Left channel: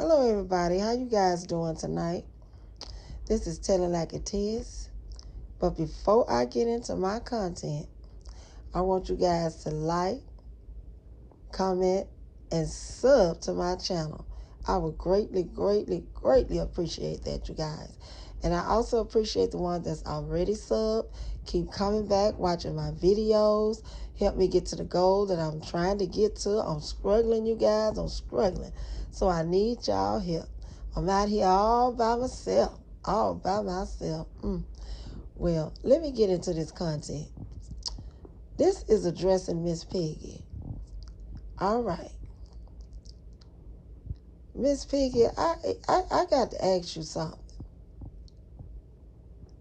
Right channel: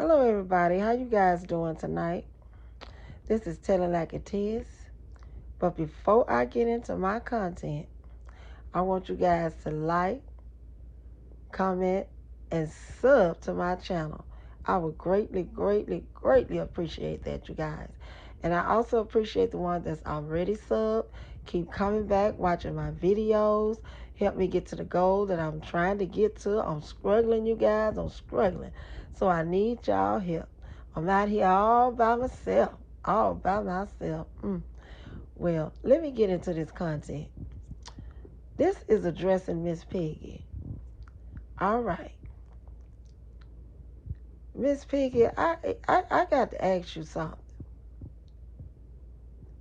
Hello everybody, how you guys doing tonight? This is Telling Like It Is. But before I get into my content, I want you guys to like, comment, and sub to my channel. I would greatly, greatly, greatly appreciate that, you guys. And I also appreciate the ones that's already subbed. Keep coming back, watching my videos. Help me get to the goal that I'm trying to get to. I'm struggling, you guys. I'm struggling. So I need y'all help. I'm out here all by myself. All by myself. Well, let me get into this content. This is addressing Miss Piggy. All right. Miss Piggy, I got to ask you something.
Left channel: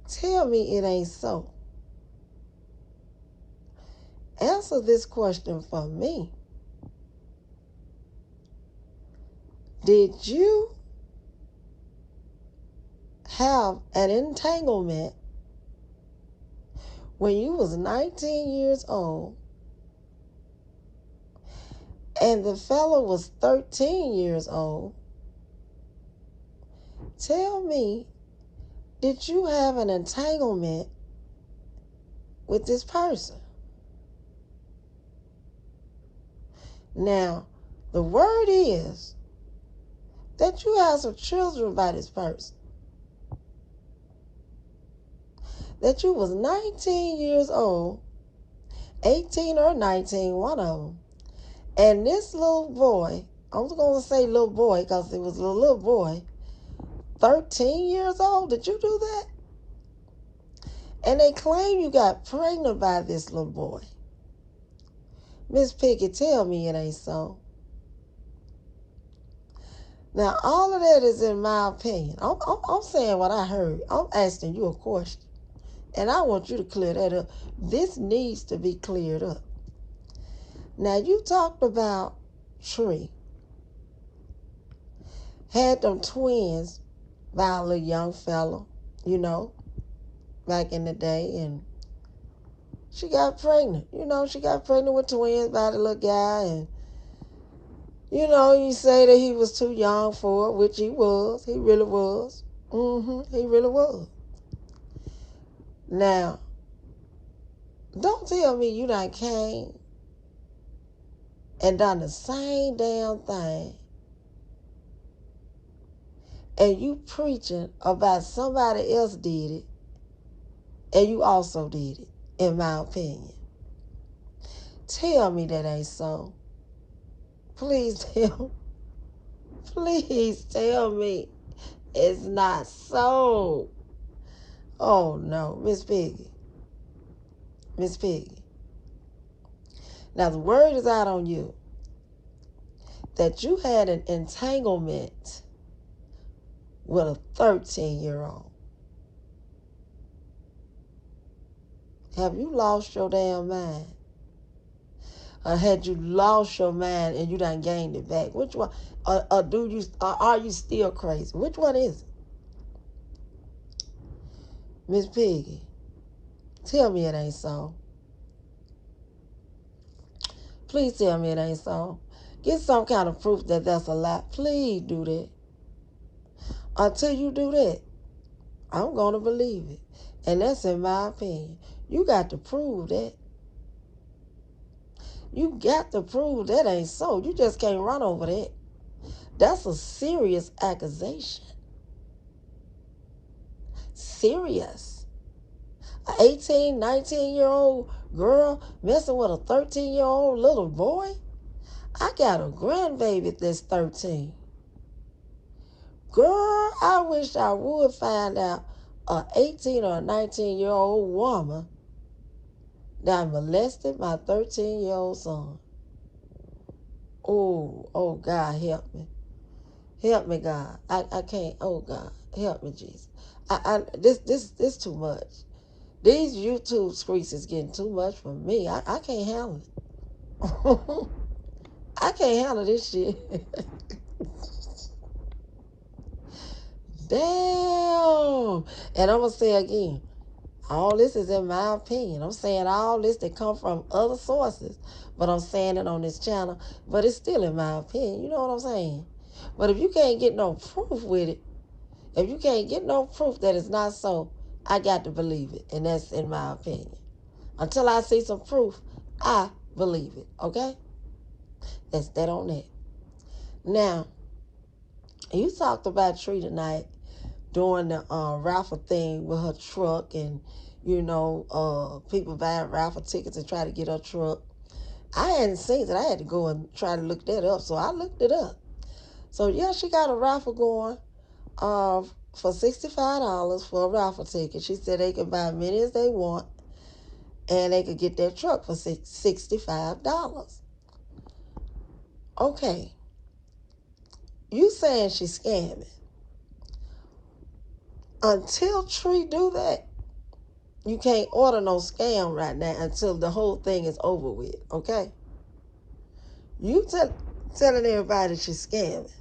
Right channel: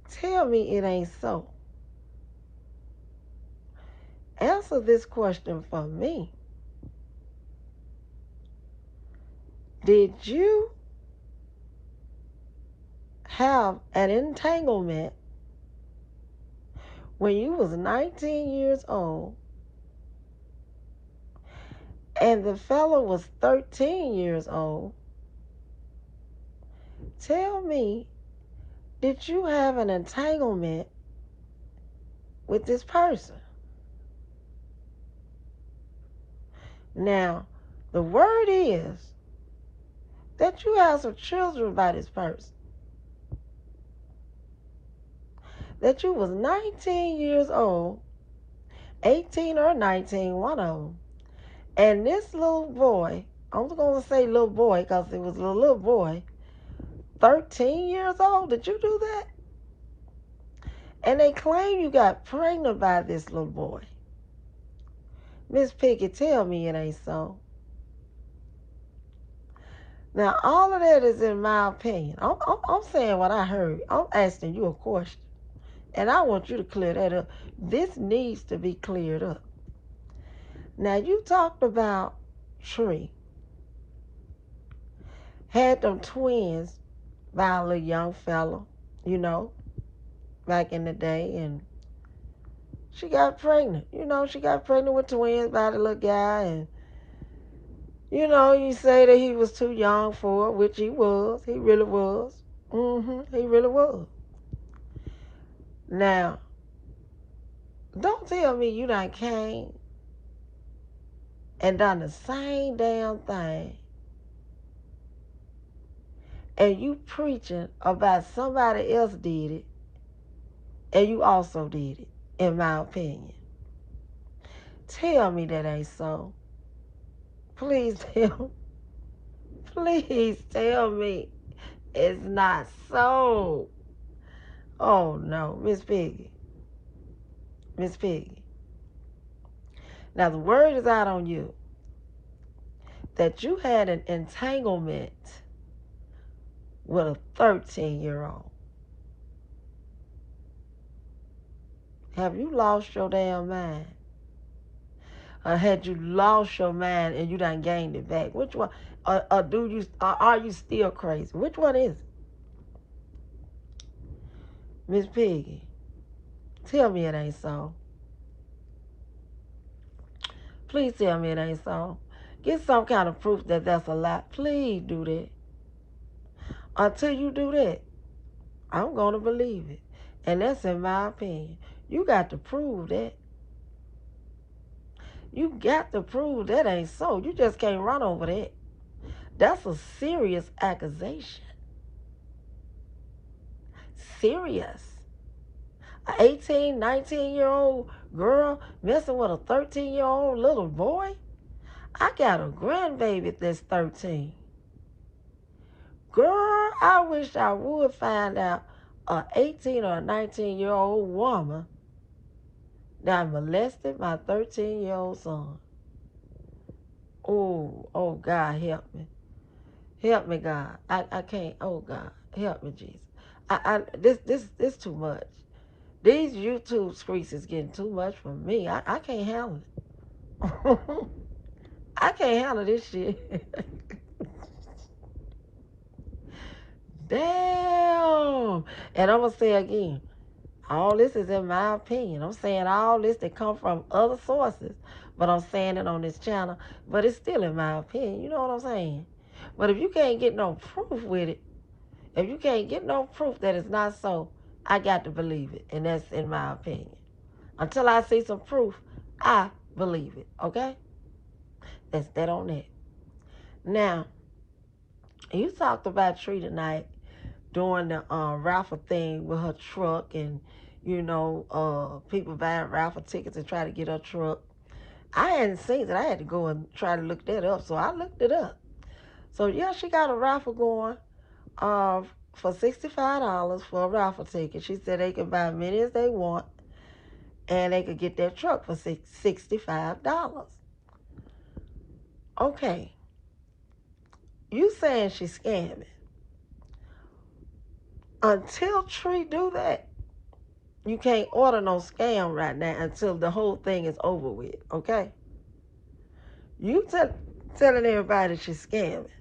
Tell me it ain't so. Answer this question for me. Did you have an entanglement when you was 19 years old and the fellow was 13 years old? Tell me, did you have an entanglement with this person? Now, the word is that you have some children by this person. That you was 19 years old, 18 or 19, one of them. And this little boy, I'm going to say little boy because it was a little boy, 13 years old. Did you do that? And they claim you got pregnant by this little boy. Miss Piggy, tell me it ain't so. Now, all of that is in my opinion. I'm saying what I heard. I'm asking you a question. And I want you to clear that up. This needs to be cleared up. Now, you talked about Tree. Had them twins by a little young fella, back in the day. And she got pregnant. She got pregnant with twins by the little guy. And, you say that he was too young for it, which he was. He really was. He really was. Now, don't tell me you done came and done the same damn thing and you preaching about somebody else did it and you also did it, in my opinion. Tell me that ain't so. Please tell me it's not so. Oh no, Miss Piggy. Miss Piggy. Now the word is out on you that you had an entanglement with a 13-year-old. Have you lost your damn mind? Or had you lost your mind and you done gained it back? Which one? Or are you still crazy? Which one is it? Miss Piggy, tell me it ain't so. Please tell me it ain't so. Get some kind of proof that that's a lie. Please do that. Until you do that, I'm going to believe it. And that's in my opinion. You got to prove that. You got to prove that ain't so. You just can't run over that. That's a serious accusation. Serious. An 18, 19-year-old girl messing with a 13-year-old little boy? I got a grandbaby that's 13. Girl, I wish I would find out a 18 or a 19-year-old woman that molested my 13-year-old son. Oh, God, help me. Help me, God. I can't. Oh, God, help me, Jesus. This too much. These YouTube streets is getting too much for me. I can't handle it. I can't handle this shit. Damn. And I'm going to say again, all this is in my opinion. I'm saying all this that come from other sources, but I'm saying it on this channel. But it's still in my opinion. You know what I'm saying? But if you can't get no proof with it, if you can't get no proof that it's not so, I got to believe it. And that's in my opinion. Until I see some proof, I believe it. Okay? That's that on that. Now, you talked about Tree tonight doing the raffle thing with her truck and, people buying raffle tickets and try to get her truck. I hadn't seen it. I had to go and try to look that up. So I looked it up. So, yeah, she got a raffle going for $65 for a raffle ticket. She said they can buy as many as they want and they could get their truck for $65. Okay. You saying she's scamming. Until Tree do that, you can't order no scam right now until the whole thing is over with, okay? You telling everybody she's scamming.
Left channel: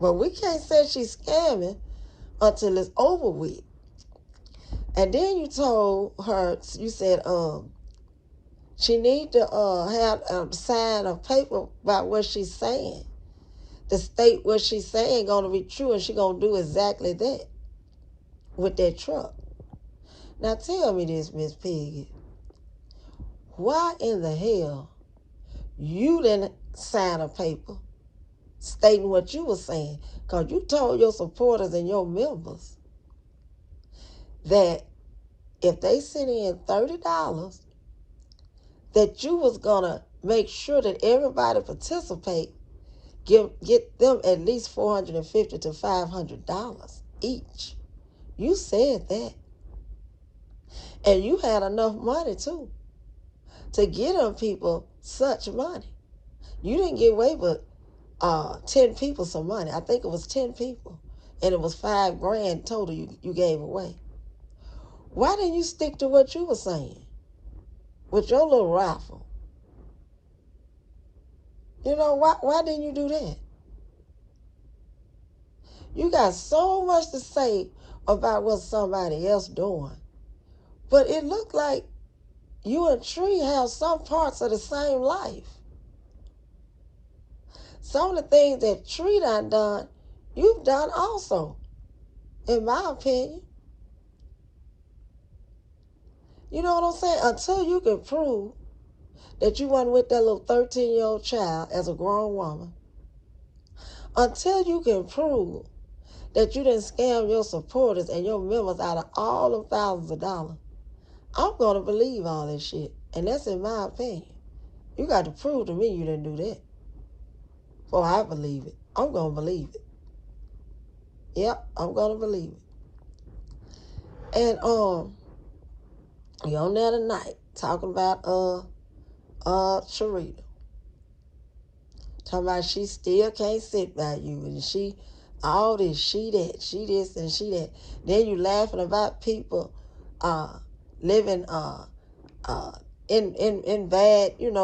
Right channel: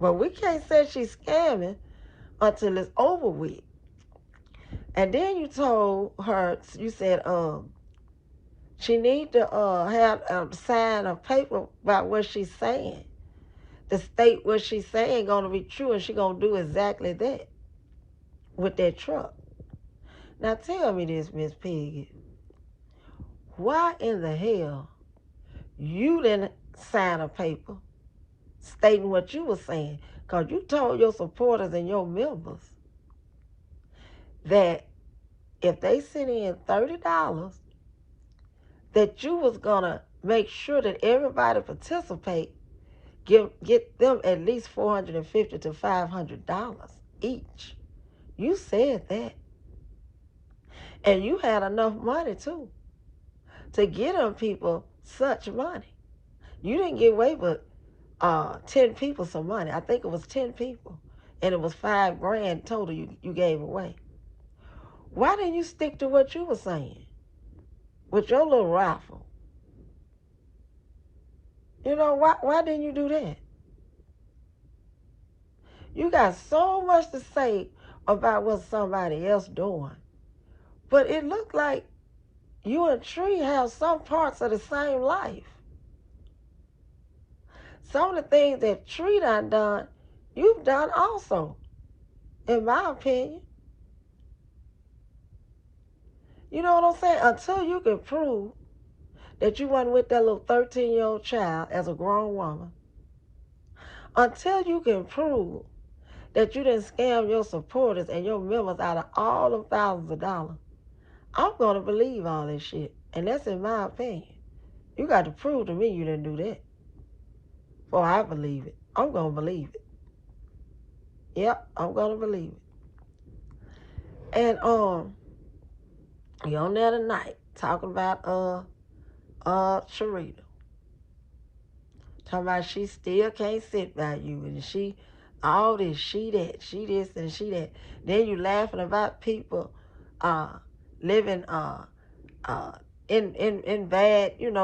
But we can't say she's scamming until it's over with. And then you told her, you said, she need to have a sign of paper about what she's saying. To state what she's saying gonna be true, and she gonna do exactly that with that truck. Now tell me this, Miss Piggy. Why in the hell you didn't sign a paper stating what you were saying? Because you told your supporters and your members that if they sent in $30, that you was going to make sure that everybody participate, get them at least $450 to $500 each. You said that. And you had enough money, too, to get them people such money. You didn't give away but 10 people some money. I think it was 10 people. And it was $5,000 total you gave away. Why didn't you stick to what you were saying with your little raffle? Why didn't you do that? You got so much to say about what somebody else doing. But it looked like you and Tree have some parts of the same life. Some of the things that Tree done, you've done also, in my opinion. You know what I'm saying? Until you can prove that you wasn't with that little 13-year-old child as a grown woman, until you can prove that you didn't scam your supporters and your members out of all them thousands of dollars, I'm going to believe all that shit. And that's in my opinion. You got to prove to me you didn't do that before I believe it. I'm going to believe it. Yep, I'm going to believe it. And you on there tonight talking about Sharita. Talking about she still can't sit by you, and she all this, she that, she this and she that. Then you laughing about people living in bad, in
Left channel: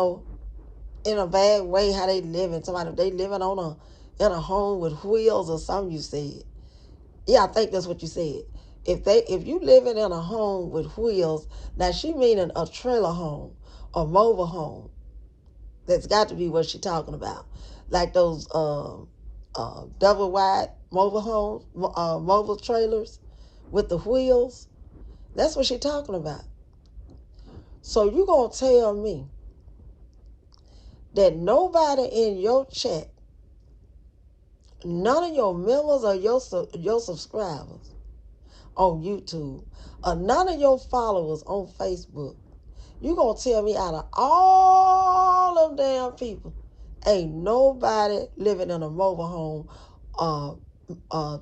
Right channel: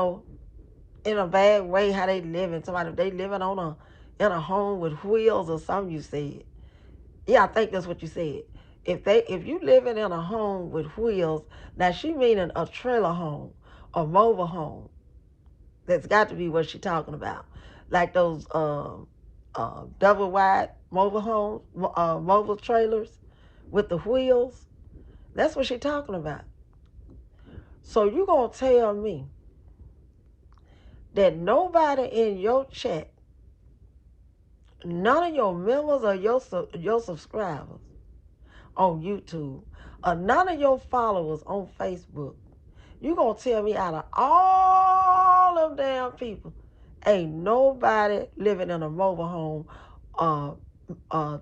a bad way, how they living. Somebody they living in a home with wheels or something, you said. Yeah, I think that's what you said. If you living in a home with wheels, now she meaning a trailer home, a mobile home. That's got to be what she talking about. Like those double wide mobile homes, mobile trailers with the wheels. That's what she talking about. So you gonna tell me that nobody in your chat, none of your members or your subscribers on YouTube, or none of your followers on Facebook, you gonna tell me out of all of them damn people, ain't nobody living in a mobile home,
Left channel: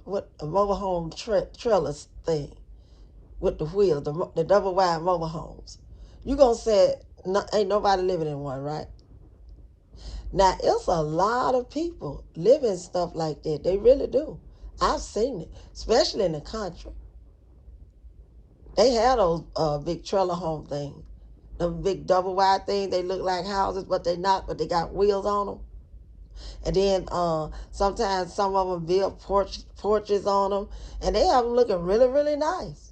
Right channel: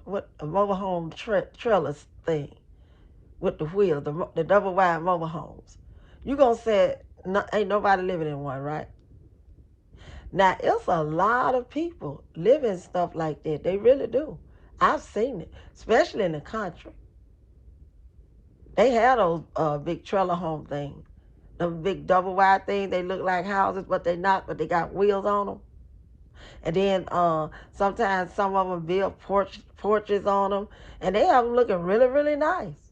what a mobile home trailer thing with the wheels, the double wide mobile homes. You gonna say ain't nobody living in one, right? Now it's a lot of people living stuff like that. They really do. I've seen it, especially in the country. They have those big trailer home things. The big double wide thing, they look like houses, but they not, but they got wheels on them. And then sometimes some of them build porches on them, and they have them looking really, really nice.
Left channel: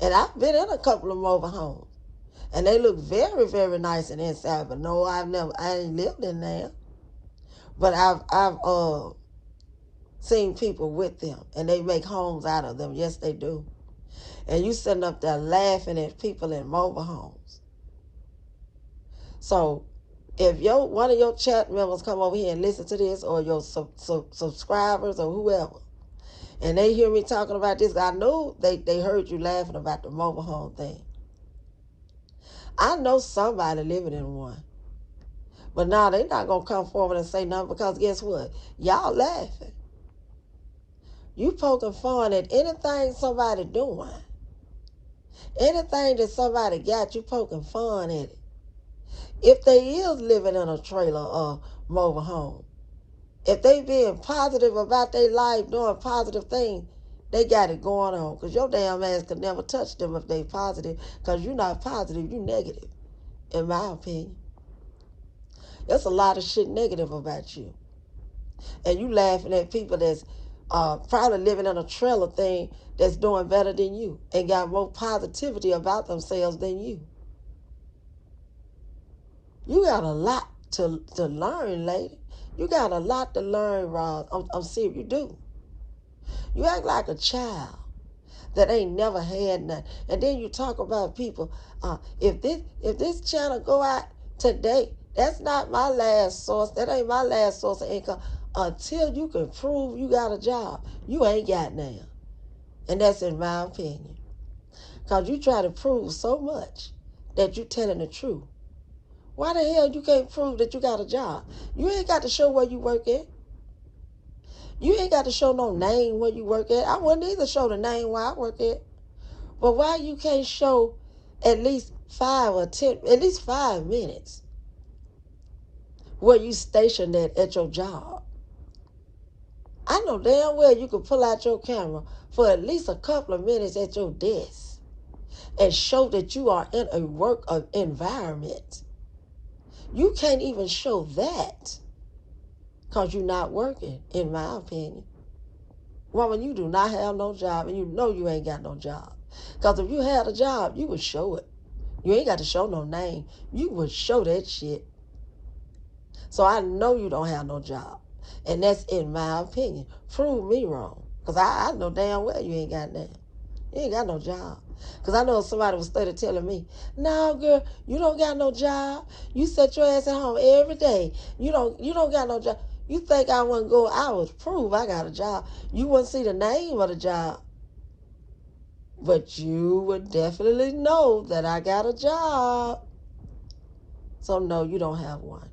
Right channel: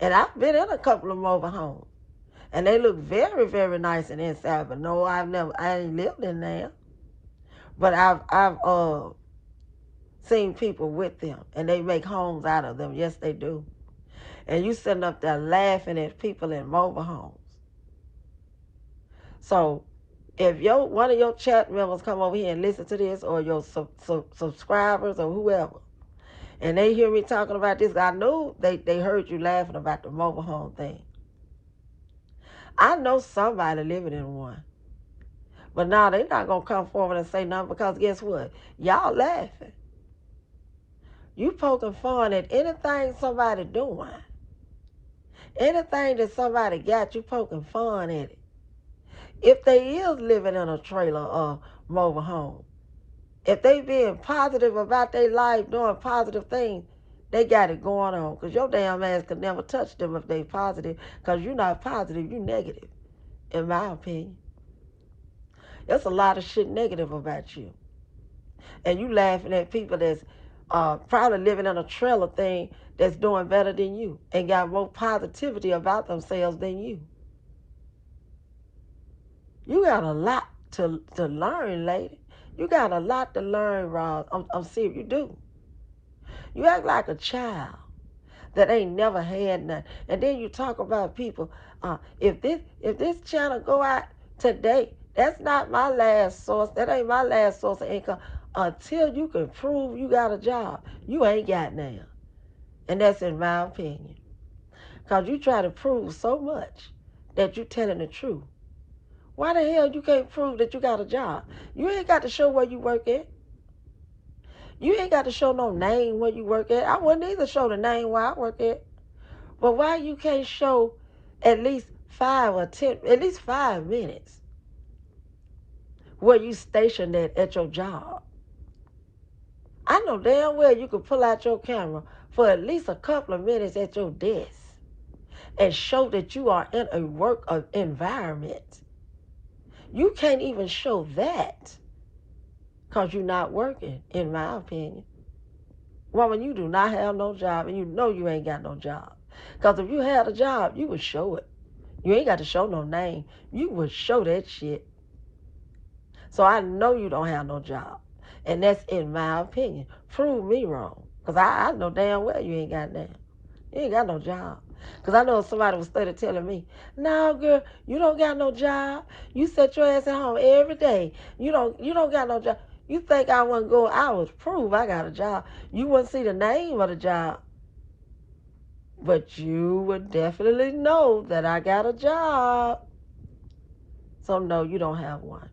And I've been in a couple of mobile homes, and they look very, very nice and inside. But no, I ain't lived in there. But I've seen people with them, and they make homes out of them. Yes, they do. And you sitting up there laughing at people in mobile homes. So if one of your chat members come over here and listen to this, or your subscribers or whoever, and they hear me talking about this, I know they heard you laughing about the mobile home thing. I know somebody living in one. But now they're not going to come forward and say nothing, because guess what? Y'all laughing. You poking fun at anything somebody doing. Anything that somebody got, you poking fun at it. If they is living in a trailer or mobile home, if they being positive about their life, doing positive things, they got it going on. Because your damn ass could never touch them if they positive, because you're not positive, you negative, in my opinion. There's a lot of shit negative about you. And you laughing at people that's probably living in a trailer thing that's doing better than you and got more positivity about themselves than you. You got a lot to learn, lady. You got a lot to learn, Roz. I'm serious, you do. You act like a child that ain't never had nothing. And then you talk about people, if this channel go out today, that's not my last source. That ain't my last source of income. Until you can prove you got a job, you ain't got none. And that's in my opinion. Because you try to prove so much that you telling the truth. Why the hell you can't prove that you got a job? You ain't got to show where you work at. You ain't got to show no name where you work at. I wouldn't either show the name where I work at. But why you can't show at least 5 or 10, at least 5 minutes where you stationed at your job? I know damn well you could pull out your camera for at least a couple of minutes at your desk and show that you are in a work environment. You can't even show that because you're not working, in my opinion. Woman, you do not have no job, and you know you ain't got no job. Because if you had a job, you would show it. You ain't got to show no name. You would show that shit. So I know you don't have no job. And that's in my opinion. Prove me wrong. Because I know damn well you ain't got nothing. You ain't got no job. Because I know somebody was started telling me, no, girl, you don't got no job. You set your ass at home every day. You don't got no job. You think I wouldn't go? I would prove I got a job. You wouldn't see the name of the job. But you would definitely know that I got a job. So no, you don't have one.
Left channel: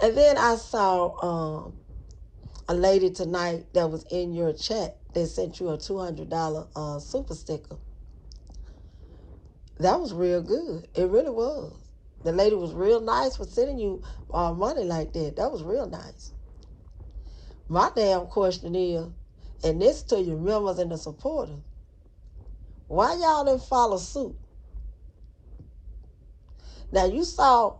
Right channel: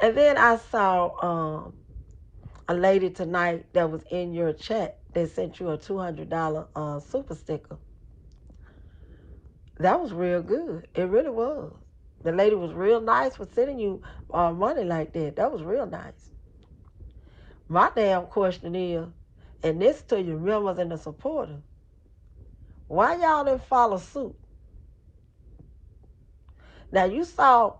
And then I saw a lady tonight that was in your chat. They sent you a $200 super sticker. That was real good. It really was. The lady was real nice for sending you money like that. That was real nice. My damn question is, and this to your members and the supporters, why y'all didn't follow suit? Now, you saw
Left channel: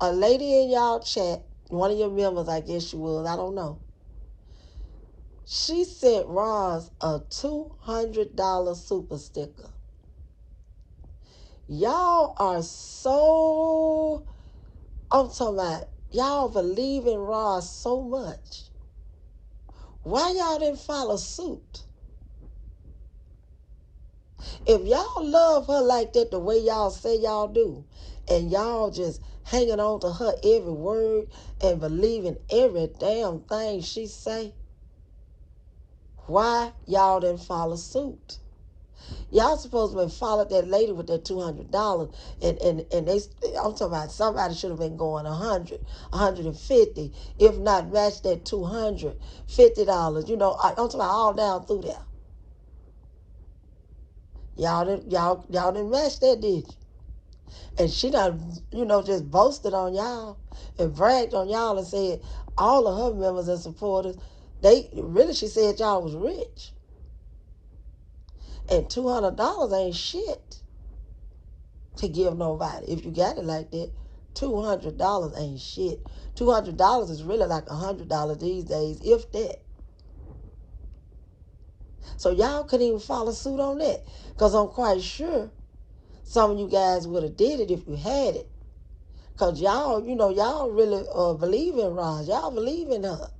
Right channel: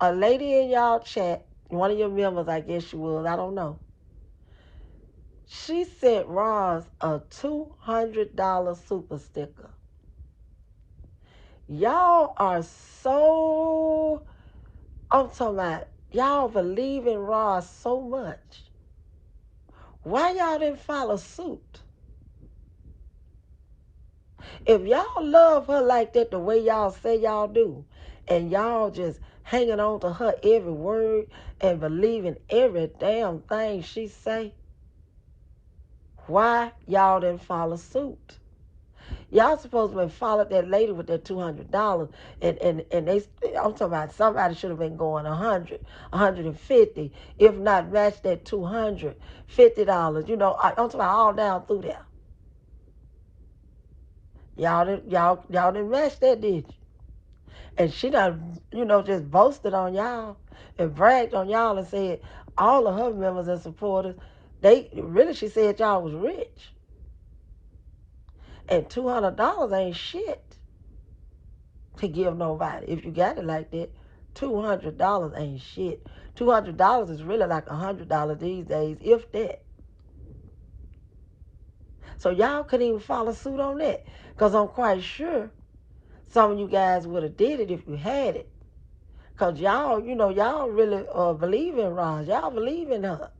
a lady in y'all chat, one of your members, I guess she was, I don't know. She sent Roz a $200 super sticker. Y'all are so, I'm talking about, y'all believe in Roz so much. Why y'all didn't follow suit? If y'all love her like that, the way y'all say y'all do, and y'all just hanging on to her every word and believing every damn thing she say, why y'all didn't follow suit? Y'all supposed to have followed that lady with that $200, and they, I'm talking about somebody should have been going 100, 150, if not match that $250. You know, I'm talking about all down through there. Y'all didn't match that, did you? And she done, just boasted on y'all and bragged on y'all and said all of her members and supporters, she said y'all was rich. And $200 ain't shit to give nobody. If you got it like that, $200 ain't shit. $200 is really like $100 these days, if that. So y'all couldn't even follow suit on that. Because I'm quite sure some of you guys would have did it if you had it. Because y'all really believe in Roz. Y'all believe in her.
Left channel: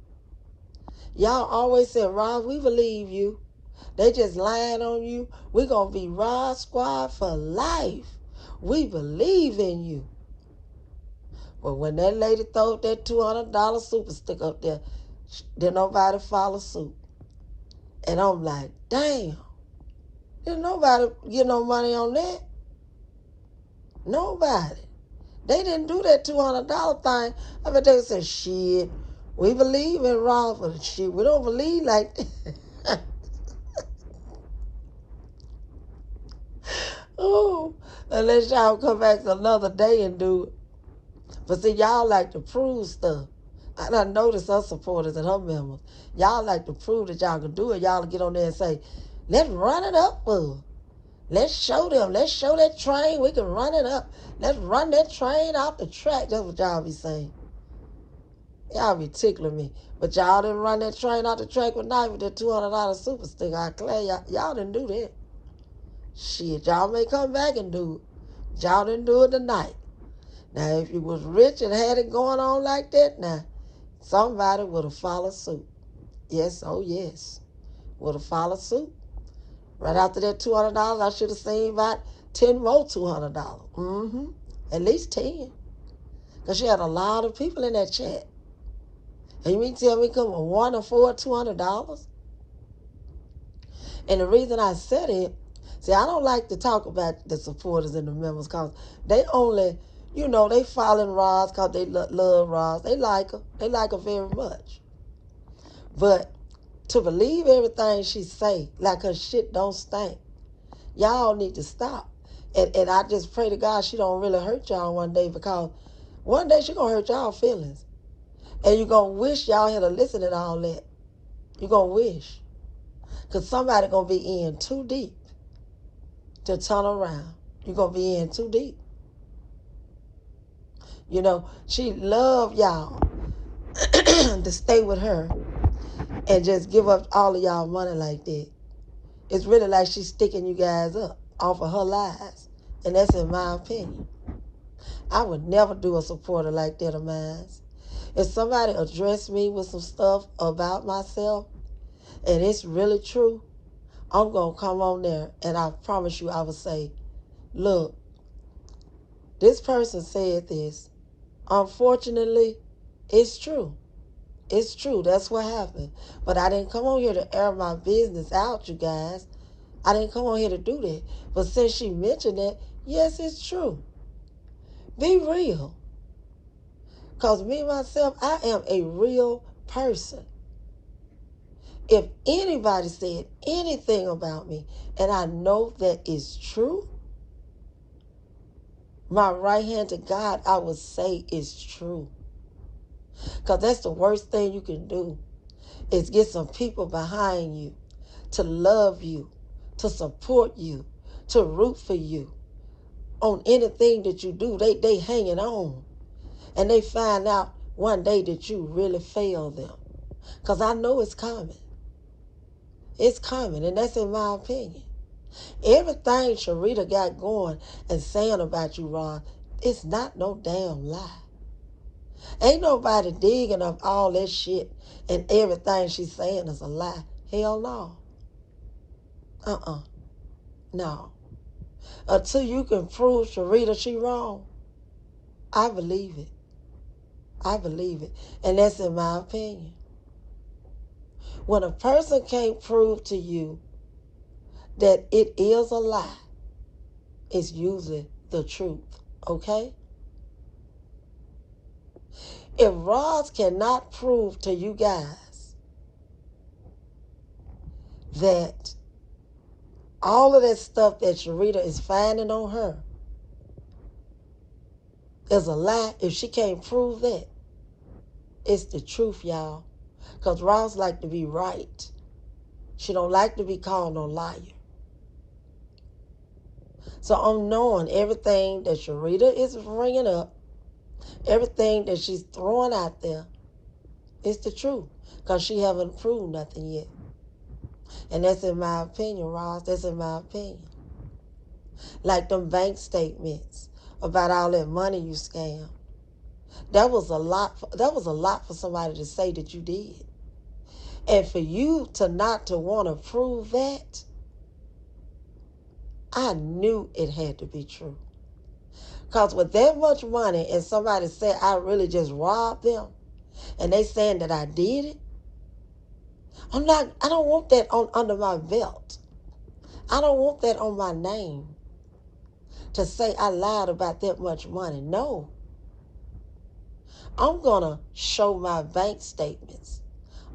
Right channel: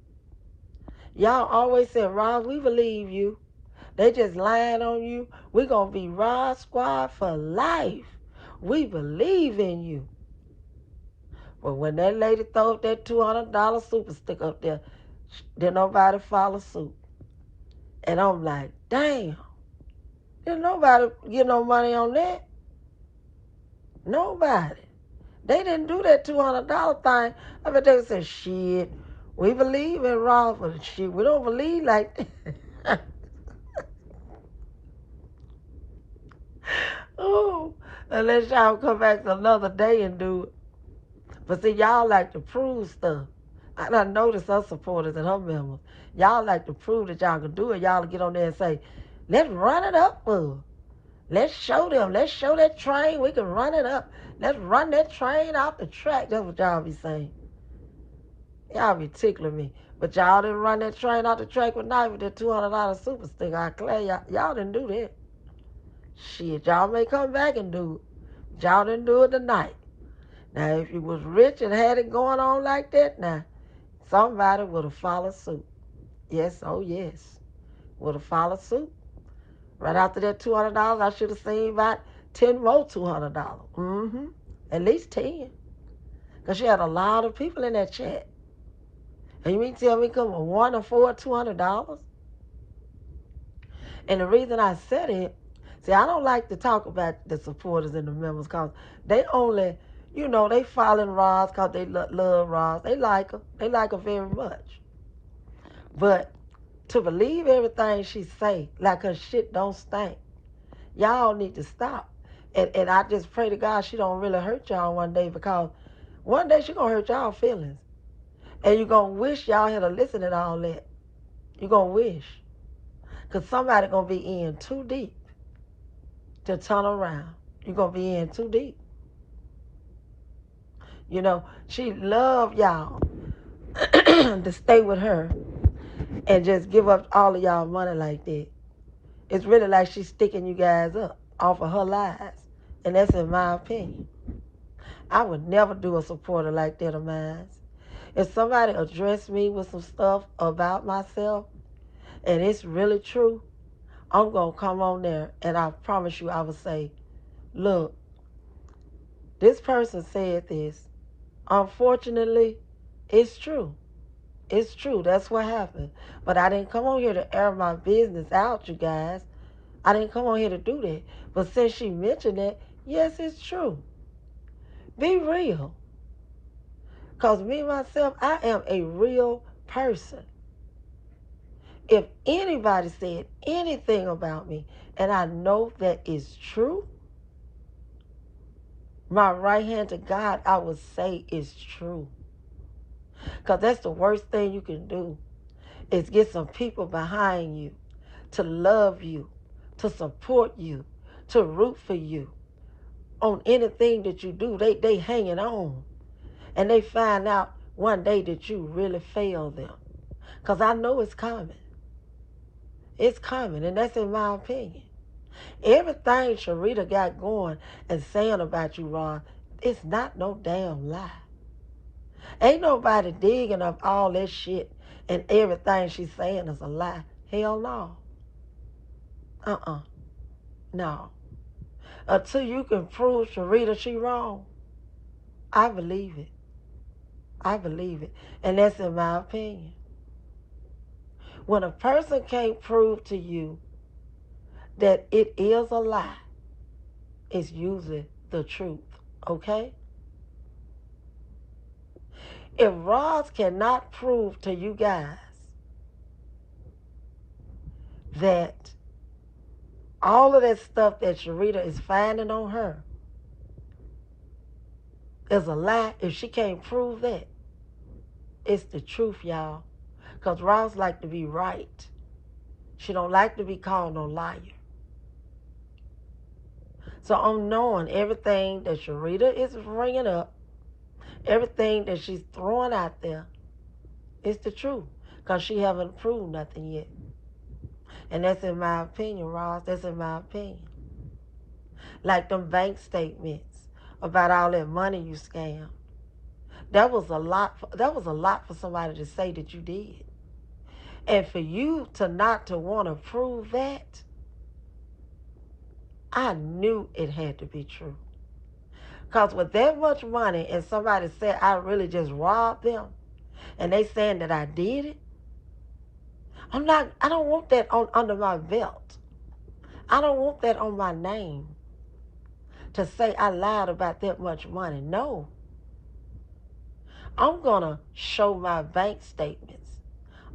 Y'all always said, Ross, we believe you. They just lying on you. We gonna be Ross Squad for life. We believe in you. But when that lady throwed that $200 super stick up there, did nobody follow suit. And I'm like, damn, didn't nobody get no money on that? Nobody. They didn't do that $200 thing. I bet they said, shit, we believe in Ross, but shit, we don't believe like that. Oh, unless y'all come back another day and do it. But see, y'all like to prove stuff. I done noticed her supporters and her members. Y'all like to prove that y'all can do it. Y'all get on there and say, let's run it up for her. Let's show them. Let's show that train. We can run it up. Let's run that train off the track. That's what y'all be saying. Y'all be tickling me. But y'all didn't run that train off the track with knife with that $200 super sticker. I declare y'all didn't do that. Shit, y'all may come back and do it. Y'all didn't do it tonight. Now, if you was rich and had it going on like that, now, somebody would have followed suit. Yes, oh yes. Would have followed suit. Right after that $200, I should have seen about 10 more $200. Mm-hmm. At least 10. Because she had a lot of people in that chat. And you mean tell me come one or four $200? And the reason I said it, see, I don't like to talk about the supporters and the members because they only, they following Roz because they love Roz. They like her. They like her very much. But to believe everything she say, like her shit don't stink, y'all need to stop. And I just pray to God she don't really hurt y'all one day because one day she going to hurt y'all feelings. And you're going to wish y'all had to listen to all that. You're going to wish. Because somebody going to be in too deep to turn around. You're going to be in too deep. She loved y'all to stay with her and just give up all of y'all money like that. It's really like she's sticking you guys up off of her lies. And that's in my opinion. I would never do a supporter like that of mine. If somebody addressed me with some stuff about myself and it's really true, I'm going to come on there and I promise you I will say, look, this person said this. Unfortunately, it's true. It's true. That's what happened. But I didn't come on here to air my business out, you guys. I didn't come on here to do that. But since she mentioned it, yes, it's true. Be real. Because me, myself, I am a real person. If anybody said anything about me and I know that is true, my right hand to God, I would say is true. Because that's the worst thing you can do is get some people behind you to love you, to support you, to root for you on anything that you do. They hanging on. And they find out one day that you really failed them. Because I know it's coming. It's coming, and that's in my opinion. Everything Sharita got going and saying about you, Ron, it's not no damn lie. Ain't nobody digging up all that shit and everything she's saying is a lie. Hell no. No. Until you can prove Sharita she wrong, I believe it. I believe it. And that's in my opinion. When a person can't prove to you that it is a lie, it's usually the truth. Okay? If Roz cannot prove to you guys that all of that stuff that Sharita is finding on her is a lie, if she can't prove that, it's the truth, y'all. Because Roz like to be right. She don't like to be called no liar. So I'm knowing everything that Sharita is bringing up, everything that she's throwing out there, is the truth. Because she haven't proved nothing yet. And that's in my opinion, Roz. That's in my opinion. Like them bank statements about all that money you scammed. That was a lot for somebody to say that you did. And for you to not to want to prove that, I knew it had to be true. Because with that much money and somebody said I really just robbed them and they saying that I did it, I don't want that under my belt. I don't want that on my name to say I lied about that much money. No. I'm going to show my bank statements.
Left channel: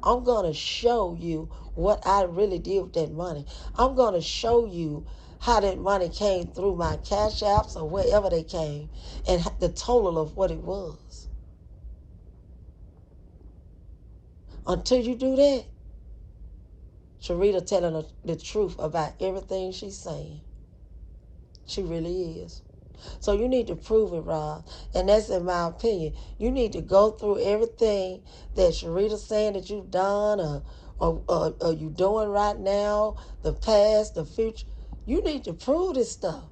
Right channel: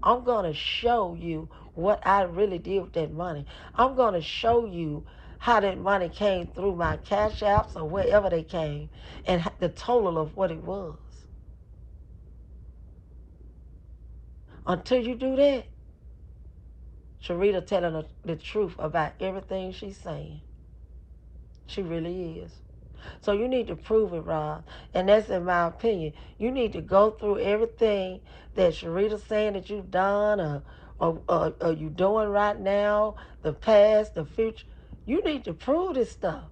I'm going to show you what I really did with that money. I'm going to show you how that money came through my cash apps or wherever they came and the total of what it was. Until you do that, Sharita telling the truth about everything she's saying. She really is. So you need to prove it, Rob. And that's in my opinion. You need to go through everything that Sharita's saying that you've done or you doing right now, the past, the future. You need to prove this stuff.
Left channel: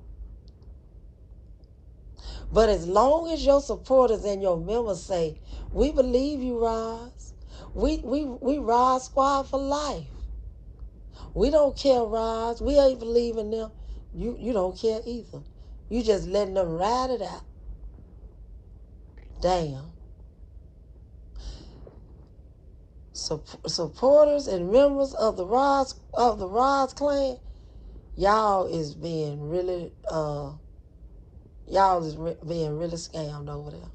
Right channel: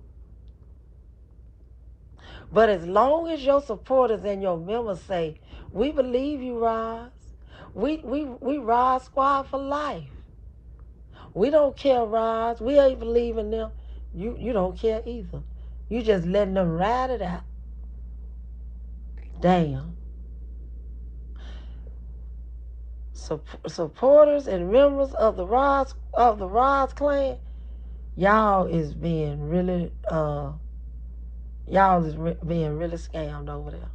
But as long as your supporters and your members say, we believe you, Roz. We Roz Squad for life. We don't care, Roz. We ain't believing them. You don't care either. You just letting them ride it out. Damn. Supporters and members of the Roz clan, y'all is being really being really scammed over there.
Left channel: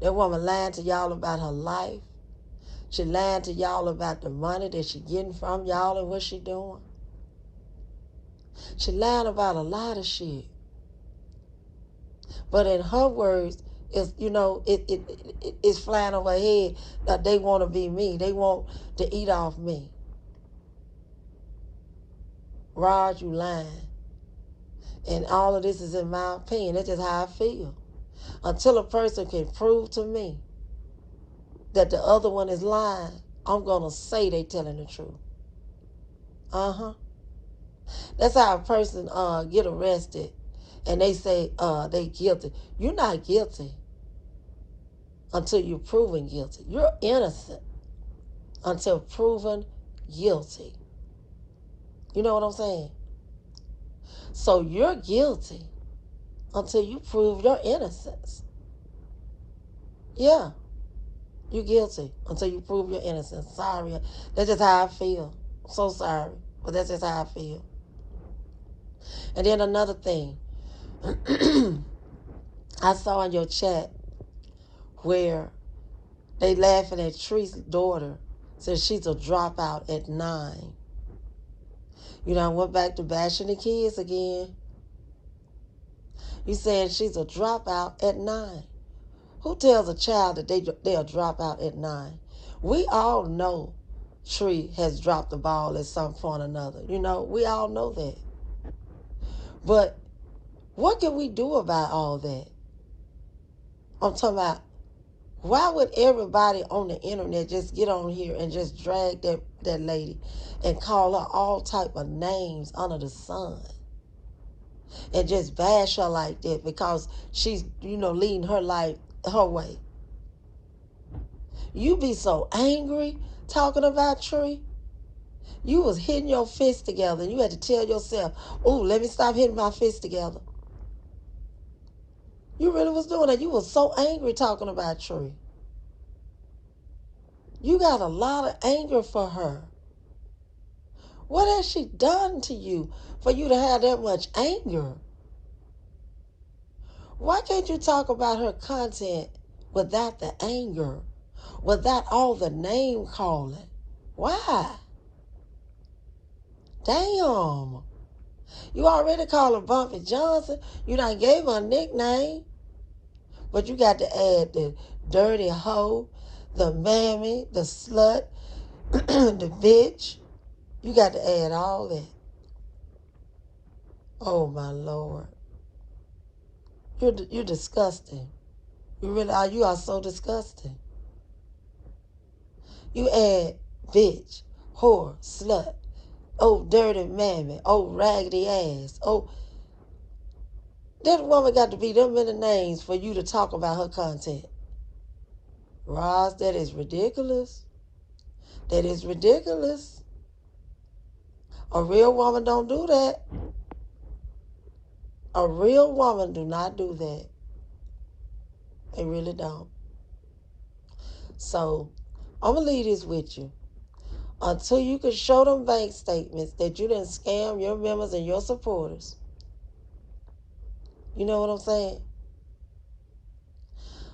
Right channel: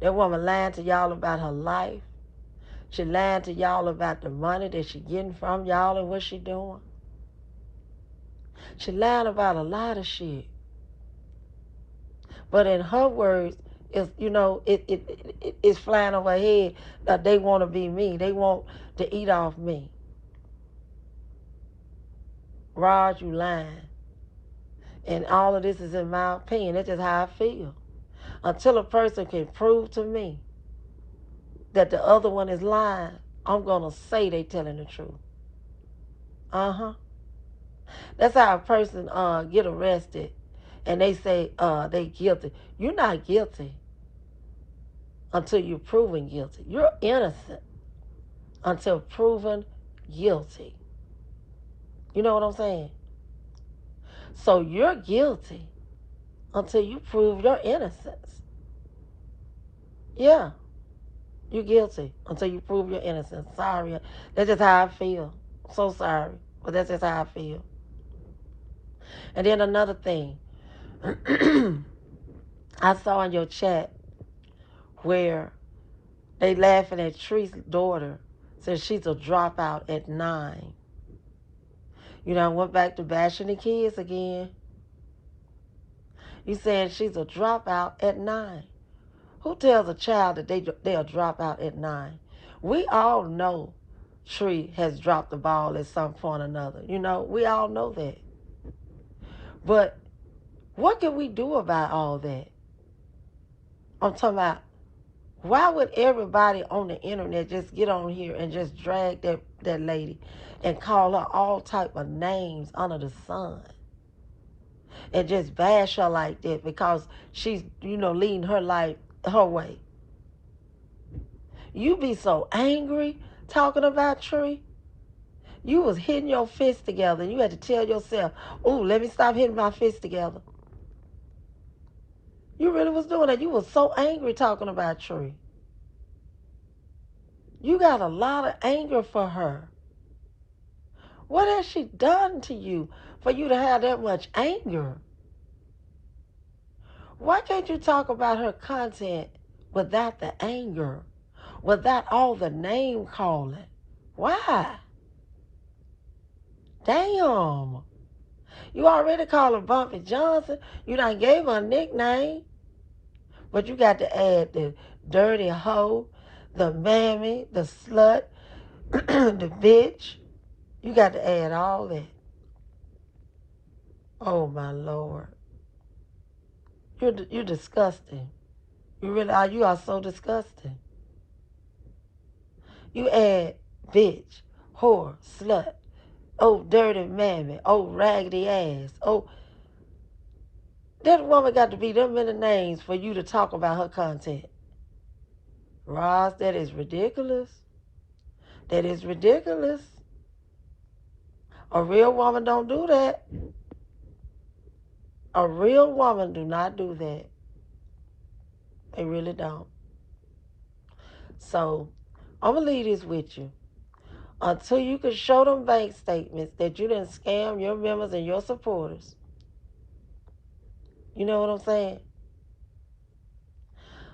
That woman lying to y'all about her life. She lying to y'all about the money that she getting from y'all and what she doing. She lying about a lot of shit. But in her words, it's flying over her head that they want to be me. They want to eat off me. Rod, you lying. And all of this is in my opinion. That's just how I feel. Until a person can prove to me that the other one is lying, I'm going to say they telling the truth. Uh-huh. That's how a person get arrested and they say they guilty. You're not guilty until you're proven guilty. You're innocent until proven guilty. You know what I'm saying? So you're guilty until you prove your innocence. Yeah, you're guilty until you prove your innocence. Sorry. That's just how I feel. So sorry. But that's just how I feel. And then another thing. I saw in your chat where they laughing at Tree's daughter since she's a dropout at 9. You know, I went back to bashing the kids again. You saying she's a dropout at 9. Who tells a child that they'll drop out at 9? We all know Tree has dropped the ball at some point or another. You know, we all know that. But what can we do about all that? I'm talking about, why would everybody on the internet just get on here and just drag that lady and call her all type of names under the sun and just bash her like that because she's, leading her life her way? You be so angry talking about Tree. You was hitting your fists together and you had to tell yourself, oh, let me stop hitting my fists together. You really was doing that. You was so angry talking about Tree. You got a lot of anger for her. What has she done to you for you to have that much anger? Why can't you talk about her content without the anger, without all the name calling? Why? Damn. You already called her Bumpy Johnson. You done gave her a nickname. But you got to add the dirty hoe, the mammy, the slut, the bitch. You got to add all that. Oh, my Lord. You're disgusting. You really are. You are so disgusting. You add bitch, whore, slut, oh, dirty mammy, oh, raggedy ass, oh. That woman got to be them many names for you to talk about her content. Roz, that is ridiculous. That is ridiculous. A real woman don't do that. A real woman do not do that. They really don't. So I'm going to leave this with you. Until you can show them bank statements that you didn't scam your members and your supporters. You know what I'm saying?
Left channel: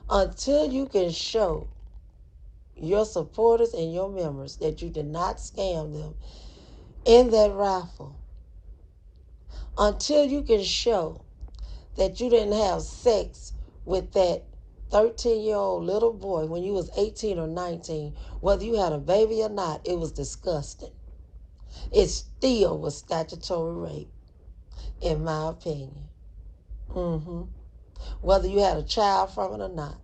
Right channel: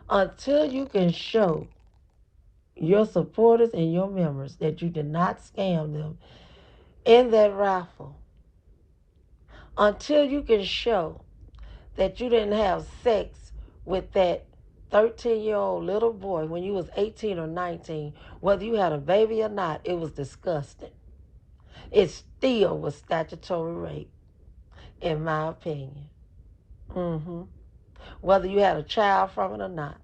Until you can show your supporters and your members that you did not scam them in that raffle. Until you can show that you didn't have sex with that 13-year-old little boy when you was 18 or 19, whether you had a baby or not, it was disgusting. It still was statutory rape, in my opinion. Whether you had a child from it or not.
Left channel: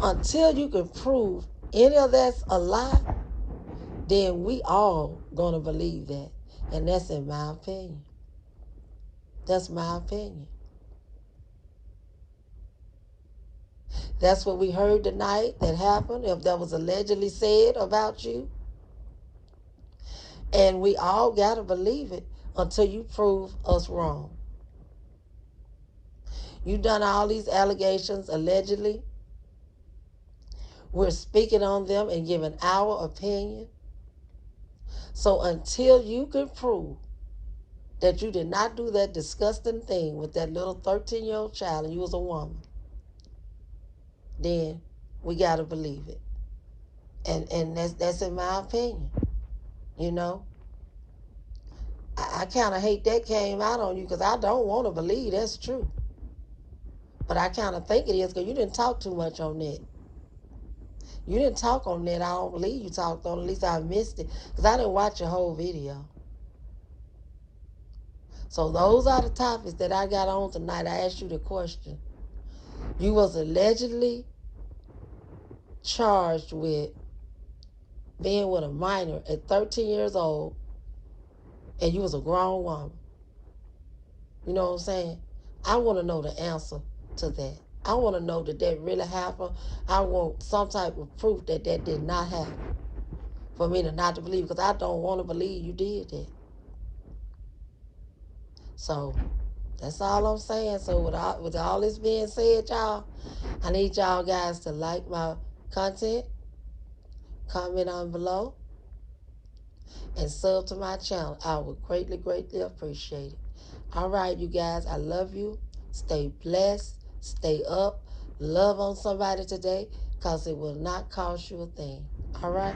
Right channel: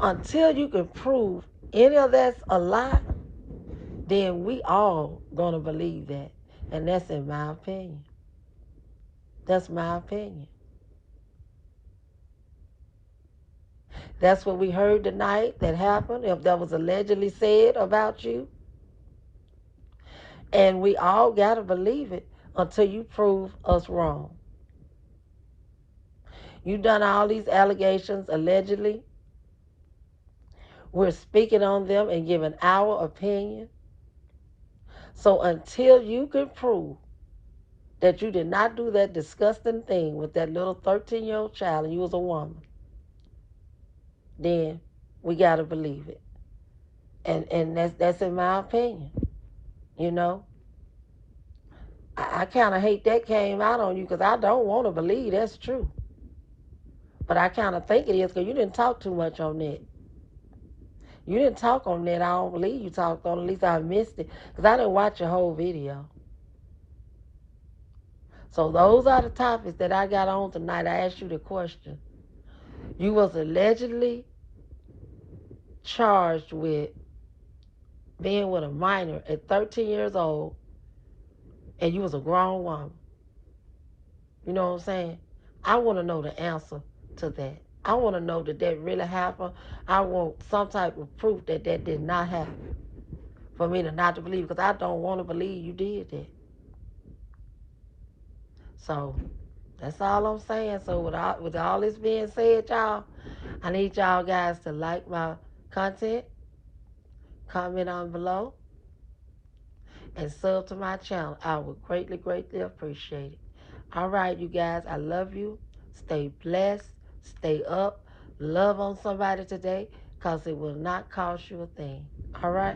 Until you can prove any of that's a lie, then we all gonna believe that. And that's in my opinion. That's my opinion. That's what we heard tonight that happened, if that was allegedly said about you. And we all gotta believe it until you prove us wrong. You've done all these allegations allegedly. We're speaking on them and giving our opinion. So until you can prove that you did not do that disgusting thing with that little 13-year-old child and you was a woman, then we got to believe it. And that's in my opinion. You know, I kind of hate that came out on you because I don't want to believe that's true. But I kind of think it is because you didn't talk too much on that. You didn't talk on that. I don't believe you talked on it. At least I missed it because I didn't watch your whole video. So those are the topics that I got on tonight. I asked you the question. You was allegedly charged with being with a minor at 13 years old, and you was a grown woman. You know what I'm saying? I want to know the answer to that. I want to know that that really happened. I want some type of proof that that did not happen for me to not to believe, because I don't want to believe you did that. So that's all I'm saying. So with all this being said, y'all, I need y'all guys to like my content, comment on below, and sub to my channel. I would greatly, greatly appreciate it. All right, you guys, I love you. Stay blessed. Stay up. Love on somebody today, because it will not cost you a thing. All right?